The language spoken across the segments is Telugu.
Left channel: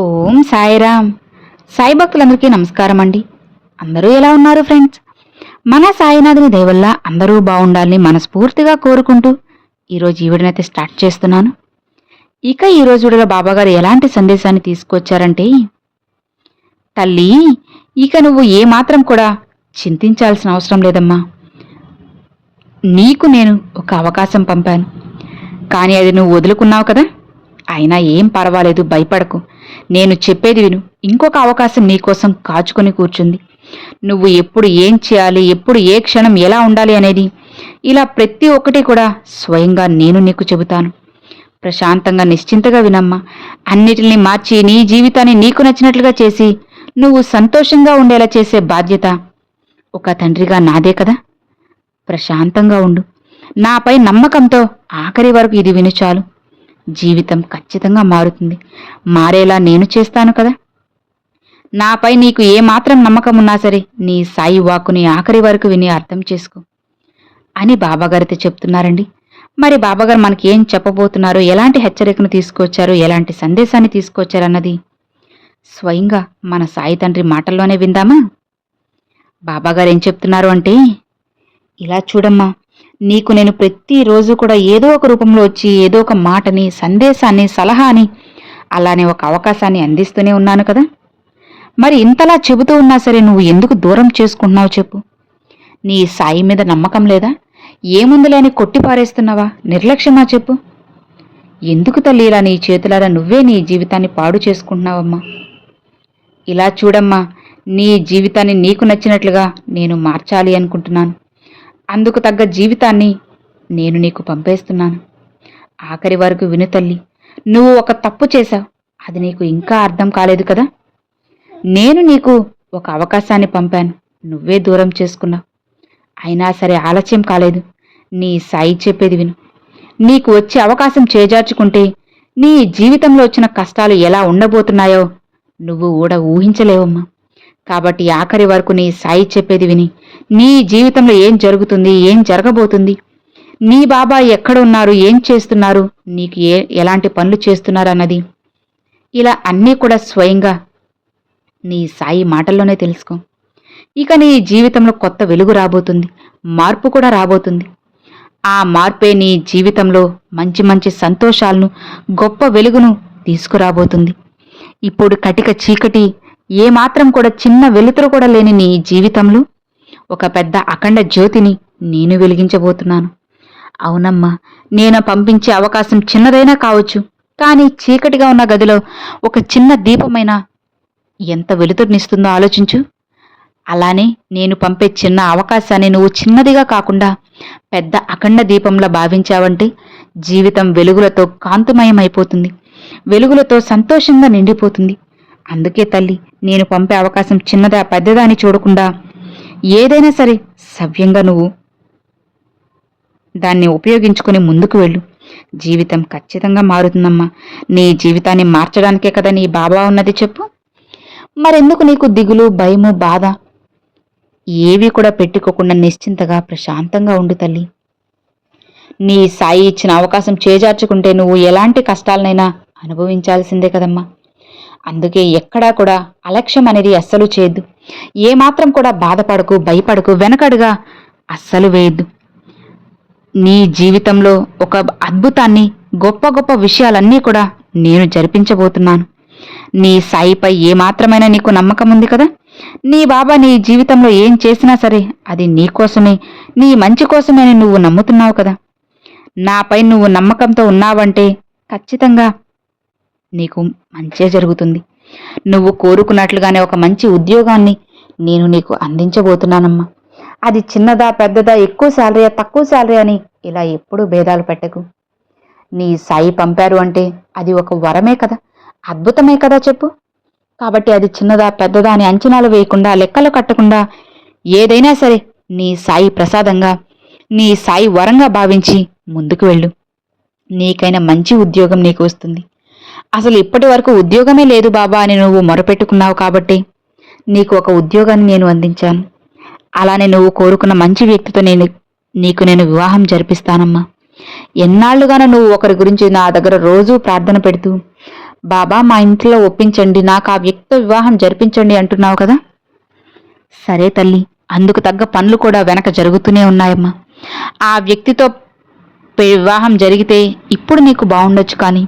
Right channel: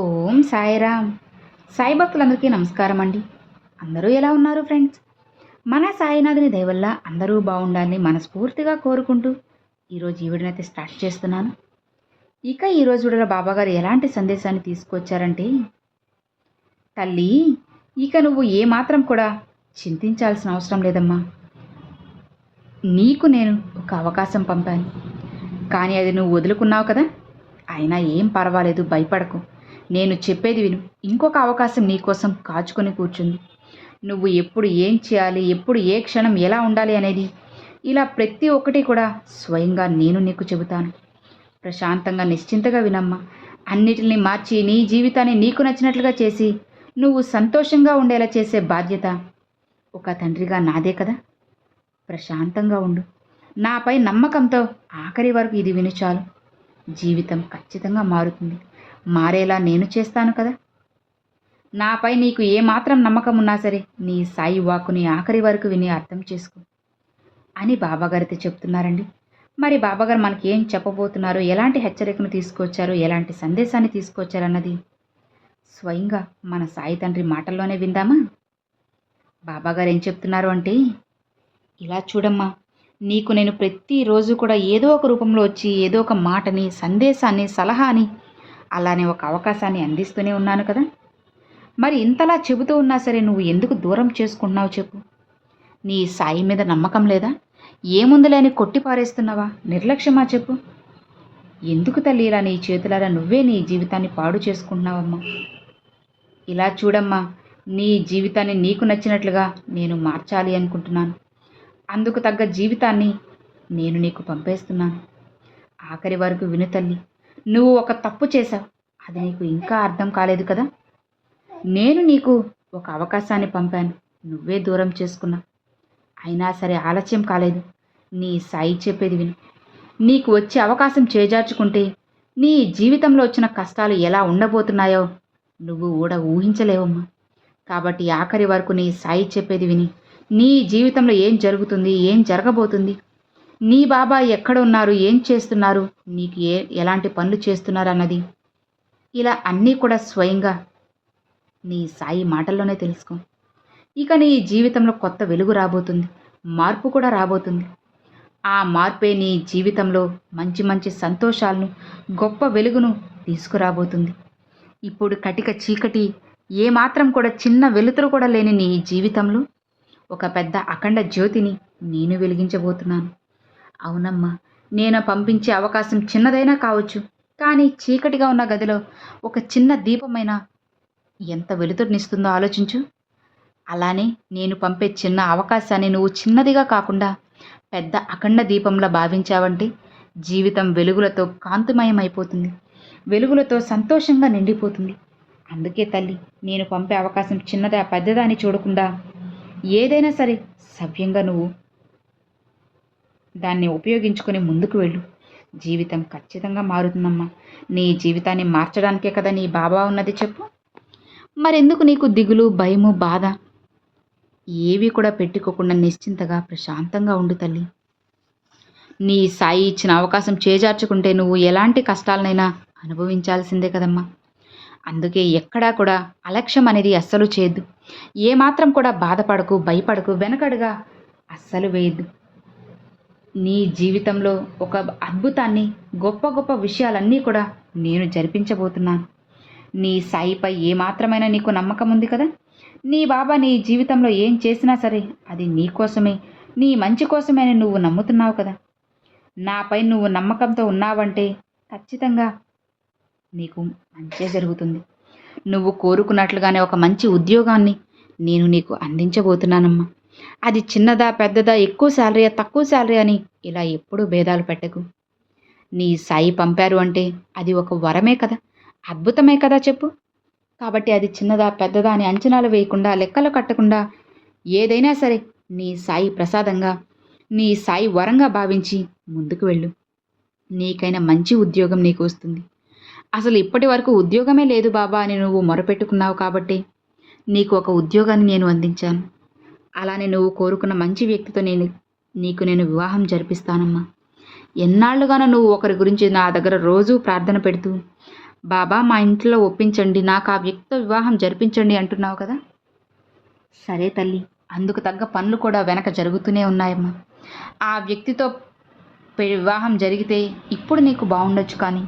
ఓం సాయిరామ్. సాయి భక్తులందరికీ నమస్కారం అండి. అందరూ ఎలా ఉన్నారు ఫ్రెండ్స్? మన సాయినాథుని దయ వల్ల అందరూ బాగుండాలని మనస్ఫూర్తిగా కోరుకుంటూ ఈరోజు ఈ వీడియోనైతే స్టార్ట్ చేస్తున్నాను. ఇక ఈరోజు వీడియోలో బాబాగారు ఎలాంటి సందేశాన్ని తీసుకొచ్చారంటే, తల్లి, ఇక నువ్వు ఏమాత్రం కూడా చింతించాల్సిన అవసరం లేదమ్మా. నీకు నేను ఒక అవకాశం పంపాను, కానీ అది నువ్వు వదులుకున్నావు కదా. అయినా ఏం పర్వాలేదు, భయపడకు. నేను చెప్పేది విను. ఇంకొక అవకాశం నీకోసం కాచుకొని కూర్చుంది. నువ్వు ఎప్పుడు ఏం చేయాలి, ఎప్పుడు ఏ క్షణం ఎలా ఉండాలి అనేది ఇలా ప్రతి ఒక్కటి కూడా స్వయంగా నేను నీకు చెబుతాను. ప్రశాంతంగా నిశ్చింతగా వినమ్మా. అన్నిటిని మార్చి నీ జీవితాన్ని నీకు నచ్చినట్లుగా చేసి నువ్వు సంతోషంగా ఉండేలా చేసే బాధ్యత ఒక తండ్రిగా నాదే కదా. ప్రశాంతంగా ఉండు. నాపై నమ్మకంతో ఆఖరి వరకు ఇది విను చాలు. జీవితం ఖచ్చితంగా మారుతుంది. మారేలా నేను చేస్తాను కదా. నాపై నీకు ఏమాత్రం నమ్మకం ఉన్నా సరే నీ సాయి వాక్కుని ఆఖరి వరకు విని అర్థం చేసుకో అని బాబాగారితో చెప్తున్నారండి. మరి బాబాగారు మనకి ఏం చెప్పబోతున్నారు, ఎలాంటి హెచ్చరికను తీసుకొచ్చారు, ఎలాంటి సందేశాన్ని తీసుకొచ్చారన్నది స్వయంగా మన సాయి తండ్రి మాటల్లోనే విందామా. బాబాగారు ఏం చెప్తున్నారు అంటే, ఇలా చూడమ్మా, నీకు నేను ప్రతిరోజు కూడా ఏదో ఒక రూపంలో వచ్చి ఏదో ఒక మాటని, సందేశాన్ని, సలహాని, అలానే ఒక అవకాశాన్ని అందిస్తూనే ఉన్నాను కదా. మరి ఇంతలా చెబుతూ ఉన్నా సరే నువ్వు ఎందుకు దూరం చేసుకుంటున్నావు చెప్పు? నీ సాయి మీద నమ్మకం లేదా? ఏముందులేని కొట్టిపారేస్తున్నావా? నిర్లక్ష్యమా చెప్పు? ఎందుకు తల్లి ఇలా నీ చేతులారా నువ్వే నీ జీవితాన్ని పాడు చేసుకుంటున్నావమ్మా? ఇలా చూడమ్మా, నీ జీవితాన్ని నీకు నచ్చినట్లుగా నేను మార్చాలి అనుకుంటున్నాను. అందుకు తగ్గ జీవితాన్ని నేను నీకు పంపేస్తున్నాను. ఆఖరి వరకు విను తల్లి. నువ్వు ఒక తప్పు చేశావు, అది నీకు ఇంకా అర్థం కాలేదు కదా. నేను నీకు ఒక అవకాశాన్ని పంపాను, నువ్వే దూరం చేసుకున్నావు. అయినా సరే ఆలస్యం కాలేదు. నీ సాయి చెప్పేది విను. నీకు వచ్చే అవకాశం చేజార్చుకుంటే నీ జీవితంలో వచ్చిన కష్టాలు ఎలా ఉండబోతున్నాయో నువ్వు కూడా ఊహించలేవమ్మా. కాబట్టి ఆఖరి వరకు నీ సాయి చెప్పేది విని నీ జీవితంలో ఏం జరుగుతుంది, ఏం జరగబోతుంది, నీ బాబా ఎక్కడున్నారు, ఏం చేస్తున్నారు, నీకు ఎలాంటి పనులు చేస్తున్నారు అన్నది ఇలా అన్నీ కూడా స్వయంగా నీ సాయి మాటల్లోనే తెలుసుకో. ఇక నీ జీవితంలో కొత్త వెలుగు రాబోతుంది, మార్పు కూడా రాబోతుంది. ఆ మార్పే నీ జీవితంలో మంచి మంచి సంతోషాలను, గొప్ప వెలుగును తీసుకురాబోతుంది. ఇప్పుడు కటిక చీకటి, ఏమాత్రం కూడా చిన్న వెలుతురు కూడా లేని నీ జీవితంలో ఒక పెద్ద అఖండ జ్యోతిని నేను వెలిగించబోతున్నాను. అవునమ్మా, నేను పంపించే అవకాశం చిన్నదైనా కావచ్చు, కానీ చీకటిగా ఉన్న గదిలో ఒక చిన్న దీపమైనా ఎంత వెలుతురునిస్తుందో ఆలోచించు. అలానే నేను పంపే చిన్న అవకాశాన్ని నువ్వు చిన్నదిగా కాకుండా పెద్ద అఖండ దీపంలా భావించావంటే జీవితం వెలుగులతో కాంతిమయమైపోతుంది, వెలుగులతో సంతోషంగా నిండిపోతుంది. అందుకే తల్లి, నేను పంపే అవకాశం చిన్నదా పెద్దదా అని చూడకుండా ఏదైనా సరే సవ్యంగా నువ్వు దాన్ని ఉపయోగించుకుని ముందుకు వెళ్ళు. జీవితం ఖచ్చితంగా మారుతుందమ్మా. నీ జీవితాన్ని మార్చడానికే కదా నీ బాబా ఉన్నది చెప్పు. మరెందుకు నీకు దిగులు, భయము, బాధ ఏవి కూడా పెట్టుకోకుండా నిశ్చింతగా ప్రశాంతంగా ఉండు తల్లి. నీ సాయి ఇచ్చిన అవకాశం చేజార్చుకుంటే నువ్వు ఎలాంటి కష్టాలనైనా అనుభవించాల్సిందే కదమ్మా. అందుకే ఎక్కడా కూడా అలక్ష్యం అనేది అస్సలు చేయొద్దు. ఏమాత్రం కూడా బాధపడకు, భయపడకు, వెనకడుగా అస్సలు వేయద్దు. నీ జీవితంలో ఒక అద్భుతాన్ని, గొప్ప గొప్ప విషయాలన్నీ కూడా నేను జరిపించబోతున్నాను. నీ సాయిపై ఏమాత్రమైనా నీకు నమ్మకం ఉంది కదా. నీ బాబా నీ జీవితంలో ఏం చేసినా సరే అది నీ కోసమే, నీ మంచి కోసమే అని నువ్వు నమ్ముతున్నావు కదా. నాపై నువ్వు నమ్మకంతో ఉన్నావంటే ఖచ్చితంగా నీకు మంచే జరుగుతుంది. నువ్వు కోరుకున్నట్లుగానే ఒక మంచి ఉద్యోగాన్ని నేను నీకు అందించబోతున్నానమ్మా. అది చిన్నదా పెద్దదా, ఎక్కువ శాలరీయా తక్కువ శాలరీ అని ఇలా ఎప్పుడూ భేదాలు పెట్టకు. నీ సాయి పంపారు అంటే అది ఒక వరమే కదా, అద్భుతమే కదా చెప్పు. కాబట్టి అది చిన్నదా పెద్దదా అని అంచనాలు వేయకుండా, లెక్కలు కట్టకుండా ఏదైనా సరే నీ సాయి ప్రసాదంగా, నీ సాయి వరంగా భావించి ముందుకు వెళ్ళు. నీకైనా మంచి ఉద్యోగం నీకు వస్తుంది. అసలు ఇప్పటి వరకు ఉద్యోగమే లేదు బాబా అని నువ్వు మొరపెట్టుకున్నావు కాబట్టి నీకు ఒక ఉద్యోగాన్ని నేను అందించాను. అలానే నువ్వు కోరుకున్న మంచి వ్యక్తితో నీకు నేను వివాహం జరిపిస్తానమ్మా. ఎన్నాళ్లుగానో నువ్వు ఒకరి గురించి నా దగ్గర రోజూ ప్రార్థన పెడుతూ బాబా మా ఇంట్లో ఒప్పించండి, నాకు ఆ వ్యక్తితో వివాహం జరిపించండి అంటున్నావు కదా. సరే తల్లి, అందుకు తగ్గ పనులు కూడా వెనక జరుగుతూనే ఉన్నాయమ్మా. ఆ వ్యక్తితో వివాహం జరిగితే ఇప్పుడు నీకు బాగుండొచ్చు, కానీ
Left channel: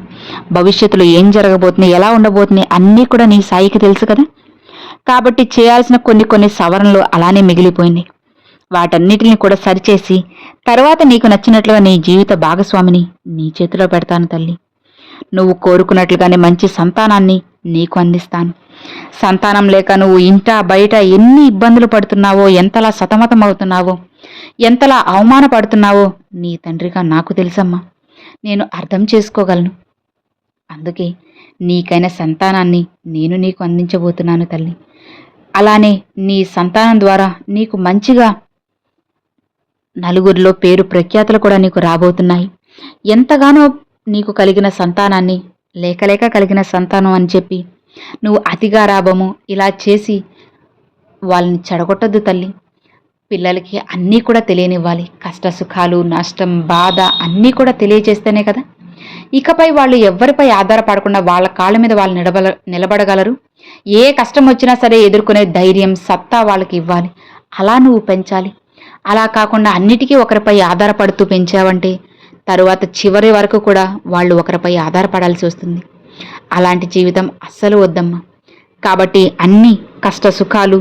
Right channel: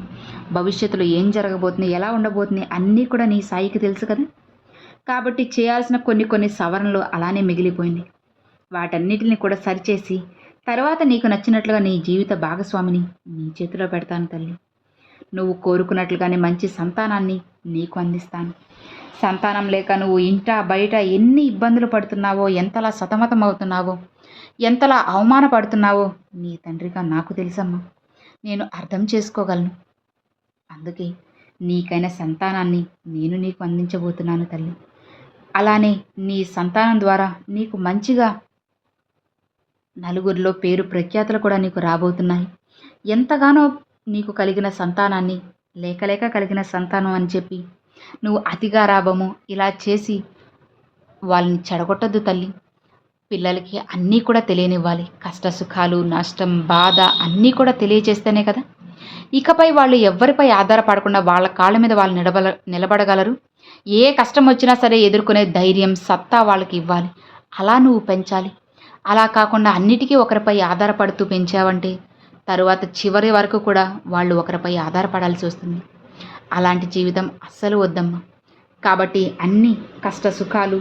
భవిష్యత్తులో ఏం జరగబోతుంది, ఎలా ఉండబోతుంది అన్నీ కూడా నీ సాయికి తెలుసు కదా. కాబట్టి చేయాల్సిన కొన్ని కొన్ని సవరణలు అలానే మిగిలిపోయింది. వాటన్నిటిని కూడా సరిచేసి తర్వాత నీకు నచ్చినట్లుగా నీ జీవిత భాగస్వామిని నీ చేతిలో పెడతాను తల్లి. నువ్వు కోరుకున్నట్లుగానే మంచి సంతానాన్ని నీకు అందిస్తాను. సంతానం లేక నువ్వు ఇంట బయట ఎన్ని ఇబ్బందులు పడుతున్నావో, ఎంతలా సతమతం అవుతున్నావో, ఎంతలా అవమానపడుతున్నావో నీ తండ్రిగా నాకు తెలుసమ్మా. నేను అర్థం చేసుకోగలను. అందుకే నీకైన సంతానాన్ని నేను నీకు అందించబోతున్నాను తల్లి. అలానే నీ సంతానం ద్వారా నీకు మంచిగా నలుగురిలో పేరు ప్రఖ్యాతులు కూడా నీకు రాబోతున్నాయి. ఎంతగానో నీకు కలిగిన సంతానాన్ని లేకలేక కలిగిన సంతానం అని చెప్పి నువ్వు అతి గారాబము ఇలా చేసి వాళ్ళని చెడగొట్టద్దు తల్లి. పిల్లలకి అన్నీ కూడా తెలియనివ్వాలి. కష్ట సుఖాలు, నష్టం, బాధ అన్నీ కూడా తెలియజేస్తేనే కదా ఇకపై వాళ్ళు ఎవ్వరిపై ఆధారపడకుండా వాళ్ళ కాళ్ళ మీద వాళ్ళు నిలబడగలరు. ఏ కష్టం వచ్చినా సరే ఎదుర్కొనే ధైర్యం, సత్తా వాళ్ళకి ఇవ్వాలి. అలా నువ్వు పెంచాలి. అలా కాకుండా అన్నిటికీ ఒకరిపై ఆధారపడుతూ పెంచావంటే తరువాత చివరి వరకు కూడా వాళ్ళు ఒకరిపై ఆధారపడాల్సి వస్తుంది. అలాంటి జీవితం అస్సలు వద్దమ్మా. కాబట్టి అన్ని కష్ట సుఖాలు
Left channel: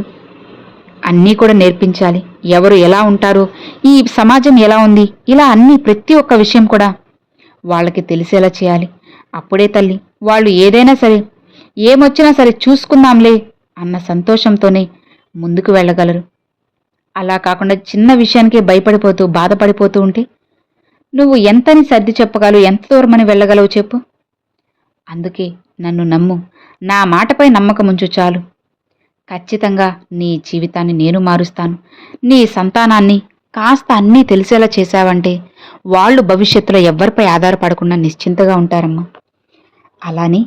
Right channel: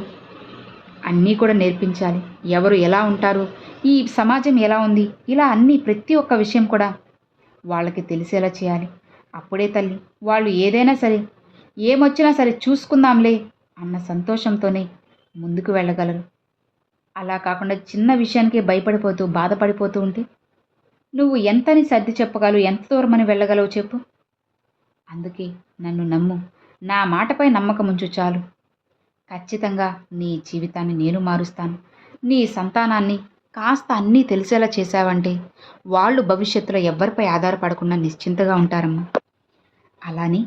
అన్నీ కూడా నేర్పించాలి. ఎవరు ఎలా ఉంటారో, ఈ సమాజం ఎలా ఉంది, ఇలా అన్ని ప్రతి ఒక్క విషయం కూడా వాళ్ళకి తెలిసేలా చేయాలి. అప్పుడే తల్లి వాళ్ళు ఏదైనా సరే, ఏమొచ్చినా సరే చూసుకుందాంలే అన్న సంతోషంతోనే ముందుకు వెళ్ళగలరు. అలా కాకుండా చిన్న విషయానికే భయపడిపోతూ బాధపడిపోతూ ఉంటే నువ్వు ఎంతని సర్ది చెప్పగలవు, ఎంత దూరమని వెళ్ళగలవు చెప్పు. అందుకే నన్ను నమ్ము, నా మాటపై నమ్మకం ఉంచు చాలు. ఖచ్చితంగా నీ జీవితాన్ని నేను మారుస్తాను. నీ సంతానాన్ని కాస్త అన్నీ తెలిసేలా చేశావంటే వాళ్ళు భవిష్యత్తులో ఎవ్వరిపై ఆధారపడకుండా నిశ్చింతగా ఉంటారమ్మా. అలానే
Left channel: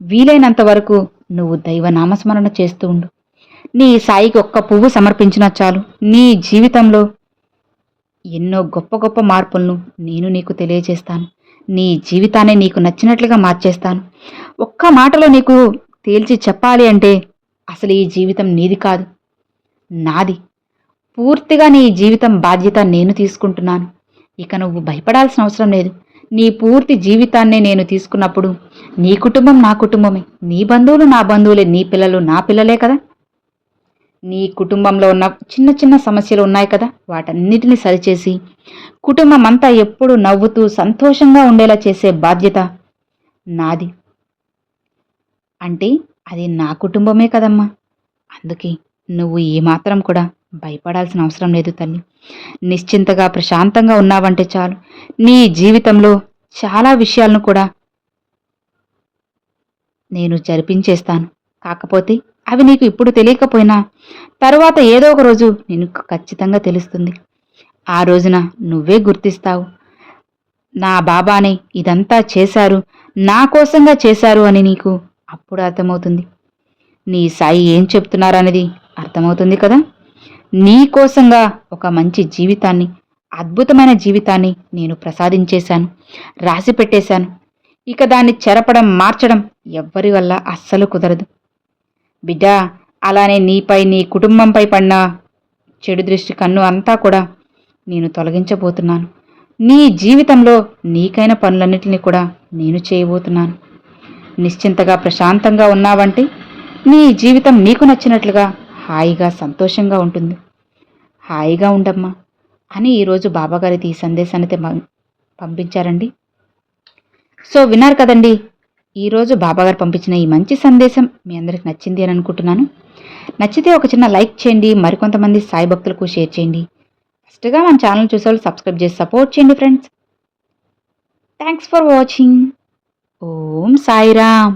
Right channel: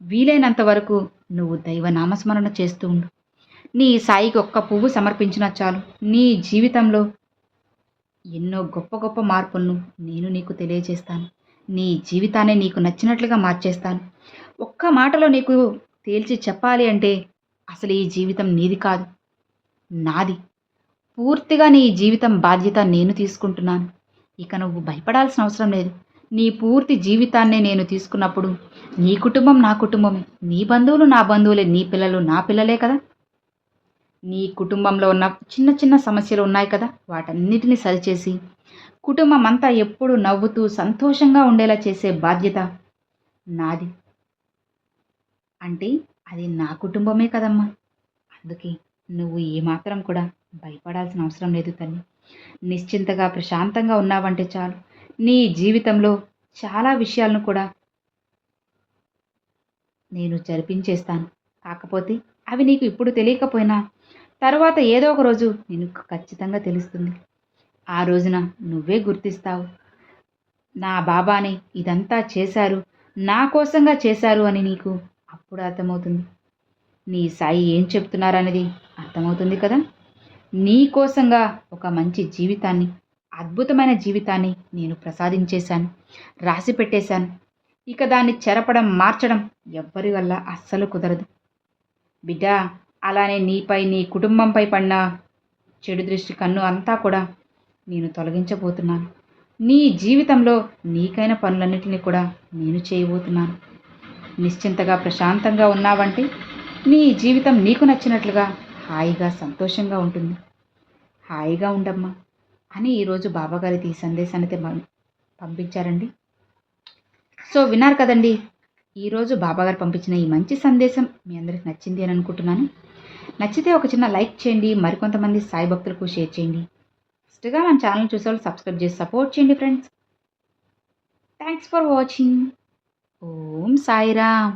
వీలైనంత వరకు నువ్వు దైవ నామస్మరణ చేస్తూ ఉండు. నీ సాయికి ఒక్క పువ్వు సమర్పించినా చాలు. నీ జీవితంలో ఎన్నో గొప్ప గొప్ప మార్పులను నేను నీకు తెలియజేస్తాను. నీ జీవితాన్ని నీకు నచ్చినట్లుగా మార్చేస్తాను. ఒక్క మాటలో నీకు తేల్చి చెప్పాలి అంటే అసలు ఈ జీవితం నీది కాదు, నాది. పూర్తిగా నీ జీవితం బాధ్యత నేను తీసుకుంటున్నాను. ఇక నువ్వు భయపడాల్సిన అవసరం లేదు. నీ పూర్తి జీవితాన్నే నేను తీసుకున్నప్పుడు నీ కుటుంబం నా కుటుంబమే, నీ బంధువులు నా బంధువులే, నీ పిల్లలు నా పిల్లలే కదా. నీ కుటుంబంలో ఉన్న చిన్న చిన్న సమస్యలు ఉన్నాయి కదా, వాటన్నిటిని సరిచేసి కుటుంబం అంతా ఎప్పుడూ నవ్వుతూ సంతోషంగా ఉండేలా చేసే బాధ్యత నాది. అంటే అది నా కుటుంబమే కదమ్మా. అందుకే నువ్వు ఏమాత్రం కూడా భయపడాల్సిన అవసరం లేదు తల్లి. నిశ్చింతగా ప్రశాంతంగా ఉన్నావంటే చాలు. నీ జీవితంలో చాలా విషయాలను కూడా నేను జరిపించేస్తాను. కాకపోతే అవి నీకు ఇప్పుడు తెలియకపోయినా తరువాత ఏదో ఒక రోజు నీకు ఖచ్చితంగా తెలుస్తుంది. ఆ రోజున నువ్వే గుర్తిస్తావు, నా బాబానే ఇదంతా చేశారు, నా కోసంగా చేశారు అని నీకు అప్పుడు అర్థమవుతుంది. నీ సాయి ఏం చెప్తున్నారనేది అర్థమవుతుంది కదా. నీ కోసంగా ఒక మంచి జీవితాన్ని, అద్భుతమైన జీవితాన్ని నేను ప్రసాదించేశాను, రాసి పెట్టేశాను. ఇక దాన్ని చెరపడం, మార్చడం ఎవ్వరి వల్ల అస్సలు కుదరదు బిడ్డా. అలానే నీపై, నీ కుటుంబంపై పడిన చెడు దృష్టి కన్ను అంతా కూడా నేను తొలగించబోతున్నాను. నీ జీవితంలో నీకైన పనులన్నిటినీ కూడా నేను చేయబోతున్నాను. నిశ్చింతగా ప్రశాంతంగా ఉన్నావంటే నీ జీవితం నీకు నచ్చినట్లుగా హాయిగా సంతోషంగా ఉంటుంది. హాయిగా ఉండమ్మా అని ఈరోజు బాబాగారి ఈ సందేశాన్ని పంపించారండి. సో విన్నారు కదండి, ఈరోజు బాబాగారు పంపించిన ఈ మంచి సందేశం మీ అందరికి నచ్చింది అని అనుకుంటున్నాను. నచ్చితే ఒక చిన్న లైక్ చేయండి, మరికొంతమంది సాయి భక్తులకు షేర్ చేయండి. ఫస్ట్గా మన ఛానల్ చూసేవాళ్ళు సబ్స్క్రైబ్ చేసి సపోర్ట్ చేయండి friends. Thanks for watching. Om Sairam.